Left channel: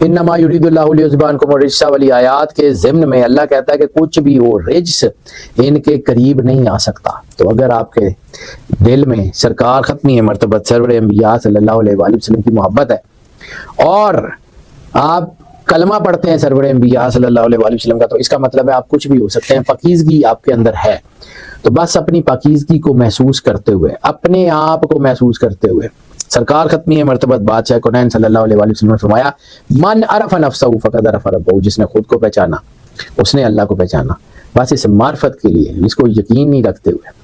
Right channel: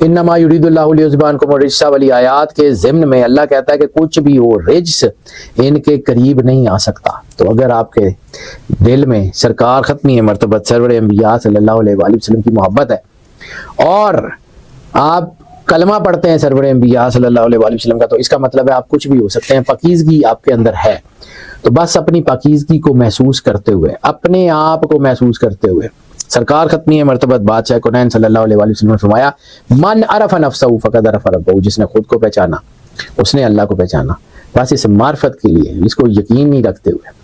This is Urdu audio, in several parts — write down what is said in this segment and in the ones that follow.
انما یریداللہ لیذہب عنکم الرجس والی آیات کے ضمن میں اللہ کہتا ہے کہ کچھ بھی ہو رجس ان کے قریب نہیں آ سکتا. تو اگر آپ کے دل میں سرکار ختمی مرتبت سرور انبیاء صلی اللہ علیہ وآلہ وسلم کی محبت ہے اور آپ کلمہ پڑھتے ہیں سرور انبیاء صلی اللہ علیہ وآلہ وسلم کا، تو اس کا مطلب ہے آپ کچھ بھی ہو سکتے ہیں. پاکیزگی آپ کے اندر ہے تو بس اپنی پاکیزگی کو محسوس کرتے ہوئے، اپنے آپ کو محسوس کرتے ہوئے، سرکار ختمی مرتبت بادشاہ کونین صلی اللہ علیہ وآلہ وسلم نے فرمایا من عرف نفسہ فقد عرف ربہ، جس نے خود کو پہچانا اس نے اللہ کو پہچانا. بس اس معرفت کے لیے، اس کو یقین نہیں رکھتے ہوئے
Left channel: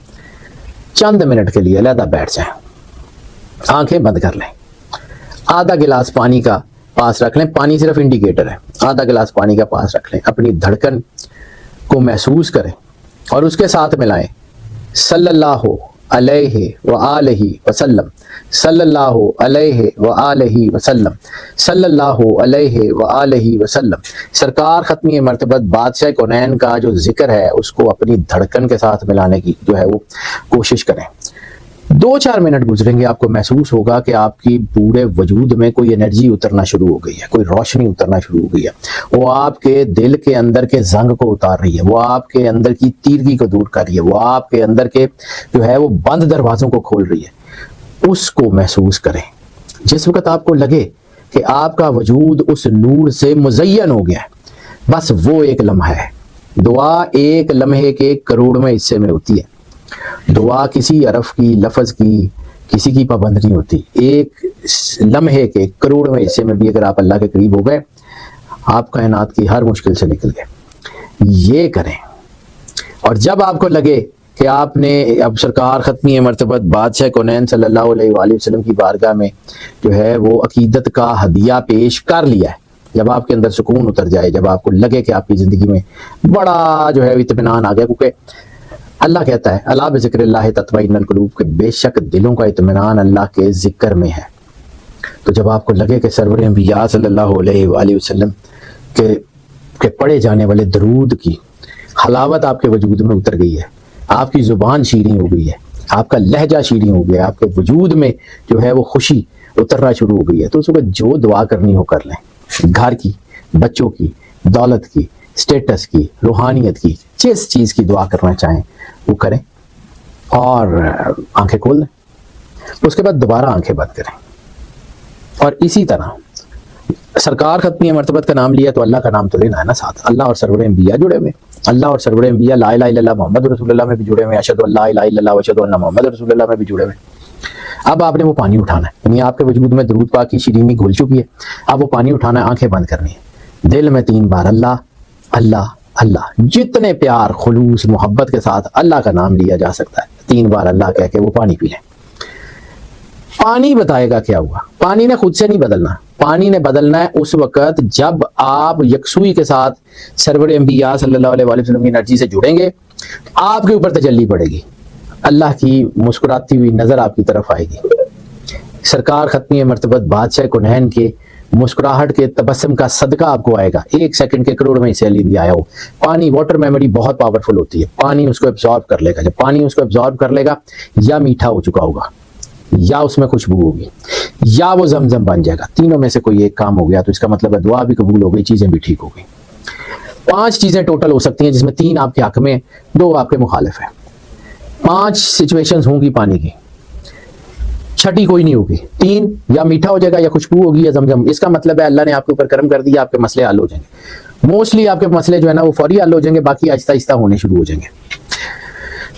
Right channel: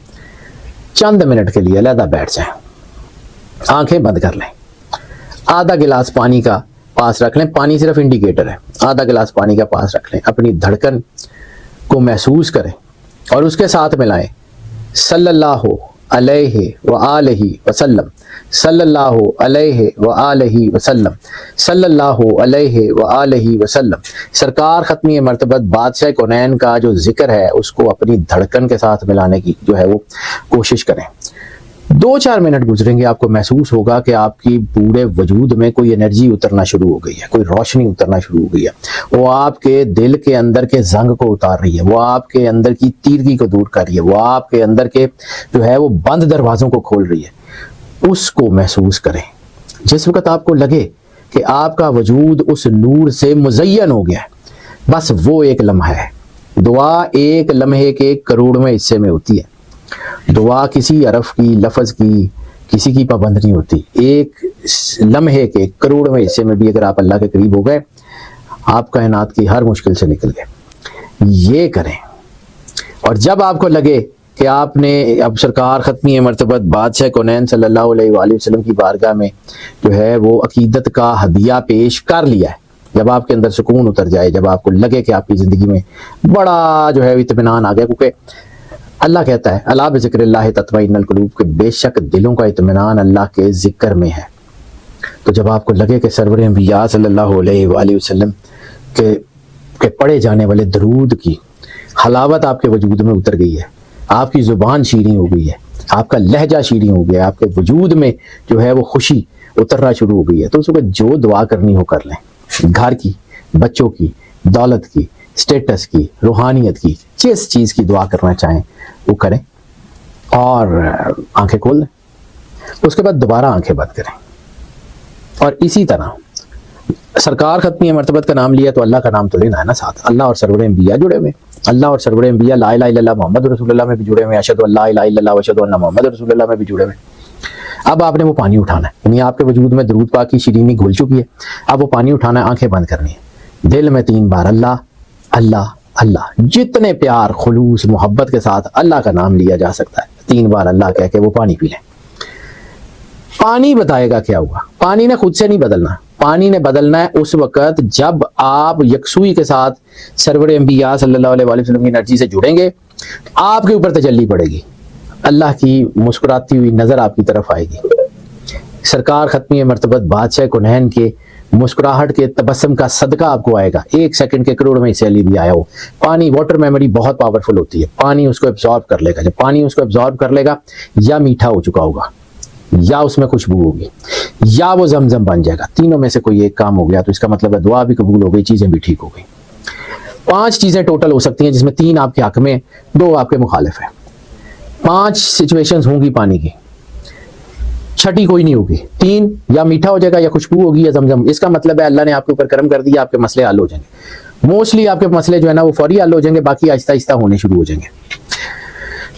چند منٹ کے لیے علیحدہ بیٹھ جائیں، آنکھیں بند کر لیں، آدھا گلاس پانی کا پاس رکھ لیں، پانی صرف انڈیکیٹر ہے، آدھا گلاس پانی کا پاس رکھ لیں، اپنی دھڑکن کو محسوس کریں اور اس کے ساتھ ملائیں صلی اللہ علیہ وآلہ وسلم، صلی اللہ علیہ وآلہ وسلم، صلی اللہ علیہ وآلہ وسلم. سرکار ختمی مرتبت بادشاہ کونین کا جو ذکر ہے اس کو اپنی دھڑکن کے ساتھ ملانے کی جو ہے وہ کوشش کریں. 2-4 منٹ گزریں گے، آپ کو محسوس ہوگا کہ آپ کی پورے وجود میں کوئی انرجی اترنا شروع ہو گئی ہے، کوئی روشنی اترنا شروع ہو گئی ہے. وہ آپ کے دل کے اندر کے زنگ کو اتار رہی ہے، وہ آپ کے اندر کی تیرگی کو دور کر رہی ہے، وہ آپ کے اندر کے جو ہے وہ بند دروازوں کو کھول رہی ہے. اس کو محسوس کریں. جس وقت آپ کو لگے کہ آپ کا وجود اس نور سے مزین ہو گیا، بس وہ ایک لمحہ ہے. دعا ایک لمحے کے کروڑویں حصے میں ہوتی ہے. دعا کسی حرف کی، لفظ کی، کسی کی پابند نہیں ہوتی. ایک لمحے کے کروڑویں حصے میں بھی اگر آپ اللہ کے قریب ہو گئے، آپ کائنات کی ہر مشکل سے نکل گئے. یہ کریں. اور جب آپ کو لگے کہ آپ نے اب سرکار ختمی مرتبت بادشاہ کونین صلی اللہ علیہ وآلہ وسلم کی بارگاہ میں جو ہے وہ عقیدت کا ہدیہ پیش کر لیا ہے، جب آپ کے اندر سکون اتر جائے، جب آپ کو لگے کہ آپ کی زندگی میں بڑا جو ہے اطمینان آ گیا، کیونکہ اللہ کہتا ہے الا بذکر اللہ تطمئن القلوب، کہ بے شک دلوں کا اطمینان اللہ کے ذکر میں ہے. تو جب آپ کو لگے کہ سرور انبیاء صلی اللہ علیہ وآلہ وسلم کے پڑھے جانے والے درود کی حلاوت آپ کے وجود میں اتر گئی ہے، آپ کی زبان شیریں ہو گئی ہے، آپ کا لہجہ شیریں ہو گیا، آپ کے وجود میں جو ہے وہ خوشی اترنا شروع ہو گئی ہے، تو اس وقت جو دعا کرنی ہو کر لیں. گھر کی، بچوں کی، دولت کی، سٹیٹس کی، روحانیت کی، جس چیز کی دعا کرنا چاہیں وہ کریں اور آنکھیں کھول دیں. اس کے بعد دوبارہ آنکھیں بند کریں اور اسی طرح سرکار ختمی مرتبت کا نام لیا تو اللہ کا نام تو لینا ہے نا ساتھ. اللہ اور سرور انبیاء جڑے ہوئے، اللہ اور سرور انبیاء لا الہ الا اللہ محمد رسول اللہ میں بھی جڑے ہوئے، اشہد ان لا الہ الا اللہ واشہد ان محمد رسول اللہ میں بھی جڑے ہوئے. اب آپ نے وہ پانی اٹھانا ہے، یعنی آپ کے وجود میں درود پاک کی شیرینی گھل چکی ہے، اب وہ پانی اٹھانا ہے، آنکھیں بند کرنی ہے، دل میں 3 بار اللہ اللہ اللہ، جتنے پیار خلوص محبت کے ساتھ اللہ کا نام لیا جا سکتا ہے 3 بار اللہ کہہ کے وہ پانی پی لیں. پانی بتائے گا کیا ہوا. پانی نے خود سے نہیں بدلنا، پانی نے بدلنا ہے اس وقت جب آپ یکسوئی کے ساتھ سرور انبیاء صلی اللہ علیہ وآلہ وسلم کی انرجی سے جڑیں گے. آپ کے اوپر تجلی پڑے گی، اللہ کی مسکراتی ہوئی نظر آپ کی طرف آئے گی. سرکار ختمی مرتبت بادشاہ کونین کے مسکراہٹ کے تبسم کا صدقہ آپ کو آئے گا. 1 سیکنڈ کے کروڑ میں اسے بھی آیا ہو. پانی واٹر میموری بہت پاورفل ہوتی ہے، پانی اس کو ابزارب کر لے گا. جب پانی اس کو ابزارب کر لے گا، یا میٹھا ہو چکا ہوگا، یا اس میں خوشبو ہوگی، یا وہ زمزم بن جائے گا. تینوں میں سے کوئی ایک کام ہو گیا تو اس کا مطلب ہے دعا بھی قبول ہو گئی، چیزیں بھی ٹھیک ہو گئی. 5 چیزیں ٹوٹل ہو سکتی ہیں جس میں 3 آپ کے حق میں، 2 آپ کے مخالف ہیں. 5 سچویشنز ہوں گی پانی کی، چھٹی کوئی نہیں ہوگی. 3 یا میٹھا ہو جائے گا، یا خوشبو ہوگی، یا زمزم. اس کا مطلب ہے اللہ نے آپ کے اوپر کرم کر دیا، آپ کے مسئلے حل ہو جائیں گے. موسٹلی آپ کے مسئلے جو ہے نا وہ فوری حل ہو جائیں گے، باقی آہستہ آہستہ ہونے شروع ہو جائیں گے.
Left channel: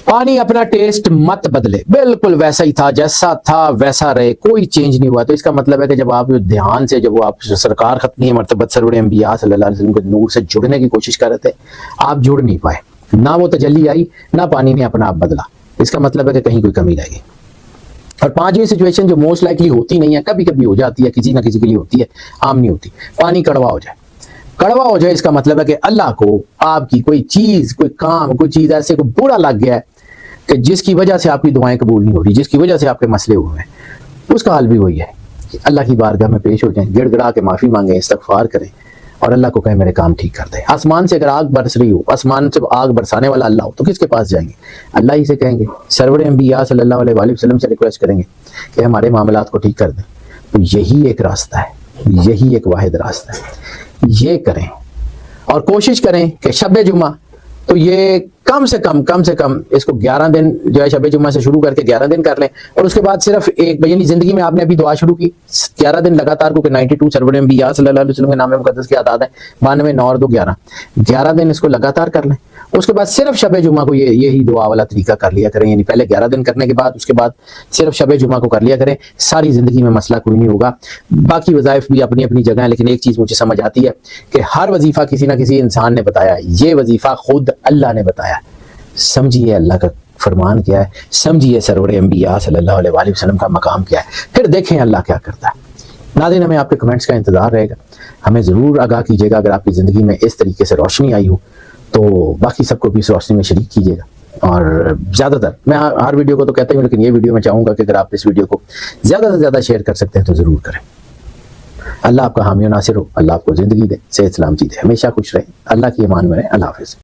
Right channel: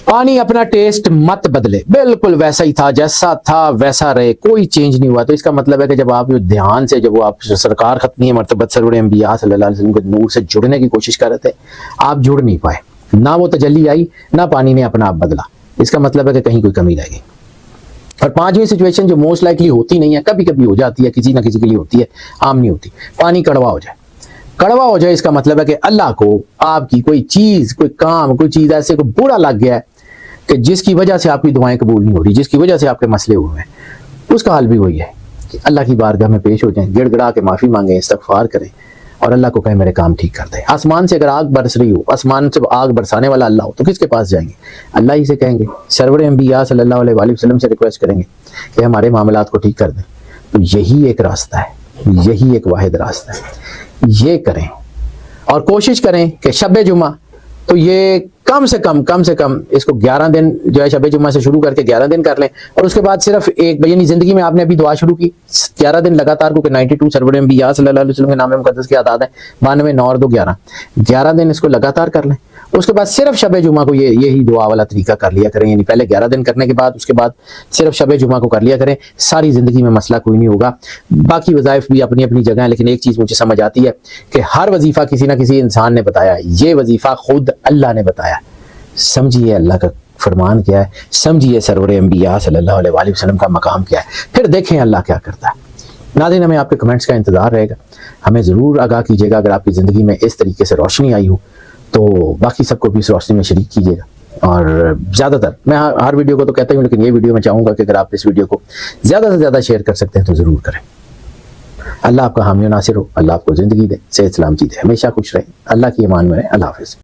پانی اپنا ٹیسٹ مت بدلے، بالکل ویسا ہی تھا، جیسا تھا ویسا رہے، کوئی چینج نہیں ہوا. تو اس کا مطلب ہے کہ جب آپ دھیان سے، جب وہ آپ سرکار ختمی مرتبت سرور انبیاء صلی اللہ علیہ وسلم کے نور سے جڑنے کی کوشش کر رہے تھے، آپ جڑ نہیں پائے. نہ وہ تجلی آئی، نہ پانی نے اپنا آپ بدلا. اس کا مطلب ہے کہ کہیں کوئی کمی رہ گئی. اور 5 سچویشن جو موسٹ لائکلی ہوتی نہیں ہے، کبھی کبھی ہو جاتی ہے، کسی نہ کسی کے لیے ہوتی ہے، عام نہیں ہوتی. پانی کڑوا ہو جائے، کڑوا ہو جائے، اس کا مطلب ہے کہ اللہ کو آپ کی کوئی چیز، کوئی کام، کوئی چیز ایسے کو برا لگ گیا ہے کہ جس کی وجہ سے آپ کی دعائیں قبول نہیں ہو رہی، جس کی وجہ سے آپ کے مسئلے ہوئے ہیں. اس کا حل بھی وہی ہے کہ اللہ کی بارگاہ میں پیش ہو جائیں، گڑ گڑا کے معافی مانگیں، استغفار کریں اور اللہ کو کہیں میرے کام ٹھیک کر دے. آسمان سے اگر آگ برس رہی ہو، آسمان سے آگ برسانے والا اللہ ہو، تو کس کے پاس جائیں گے؟ اللہ ہی سے کہیں گے. سرور انبیاء صلی اللہ علیہ وآلہ وسلم سے ریکویسٹ کریں گے کہ ہمارے معاملات کو ٹھیک کر دیں. تو یہی ایک راستہ ہے، یہی ایک واحد راستہ ہے، یہ کریں اور کوشش کریں کہ شب جمعہ تو یہ کم سے کم اس کو 11 دن جو ہے شب جمعہ سے شروع کر کے 11 دن کر لیں، اور اس کے بعد صرف ایک یعنی زندگی میں آپ نے ابھی دعا شروع کی 11 دن لگاتار، کیونکہ 92 سرور انبیاء صلی اللہ علیہ وسلم کے نام مقدس کی تعداد ہے 92 9 اور 2 11 دن اس کو لگاتار کر لیں، اس کے بعد صرف شب جمعہ کو یہی دعا والا طریقہ کر لیا کریں، یعنی پہلے 11 دن کرنے کے بعد اس کے بعد صرف شب جمعہ کو کر لیا کریں، ساری زندگی میں مسئلہ کوئی نہیں ہوگا۔ باقی وظائف بھی اپنی اپنی جگہ ہیں، لیکن ایک چیز مجھے سمجھ آتی ہے کہ ہر وظیفہ کسی نہ کسی انسان نے بتایا ہے، یہ وظیفہ خود اللہ نے بتایا ہے۔ سمجھیے اللہ کا فرمان کیا ہے، سمجھیے سرور انبیاء صلی اللہ علیہ وآلہ وسلم کا مقام کیا ہے، پھر دیکھیں اللہ کیا کرتا ہے۔ ناظرین، ہمیں آپ کے کمنٹس کا انتظار رہے گا، ہمیں ضرور آگاہ کیجیے گا اگر آپ کی زندگی میں اس طریقے سے روشنی آئی ہو تو باقی سب کو بھی اس روشنی میں شریک کیجیے گا۔ اور زیادہ تر میں ہر ویڈیو کو تو کہتا ہوں، لیکن یہ ویڈیو میں چاہوں گا کہ اگر آپ اس ویڈیو کو زیادہ سے زیادہ شیئر کر سکتے ہیں تو ضرور کریں۔ اللہ آپ کا حامی و ناصر ہو، اللہ آپ کو زندگی دے، صحت سلامتی دے، ہمیشہ خوش رہیں، اللہ کی امان میں رہیں۔ اللہ حافظ۔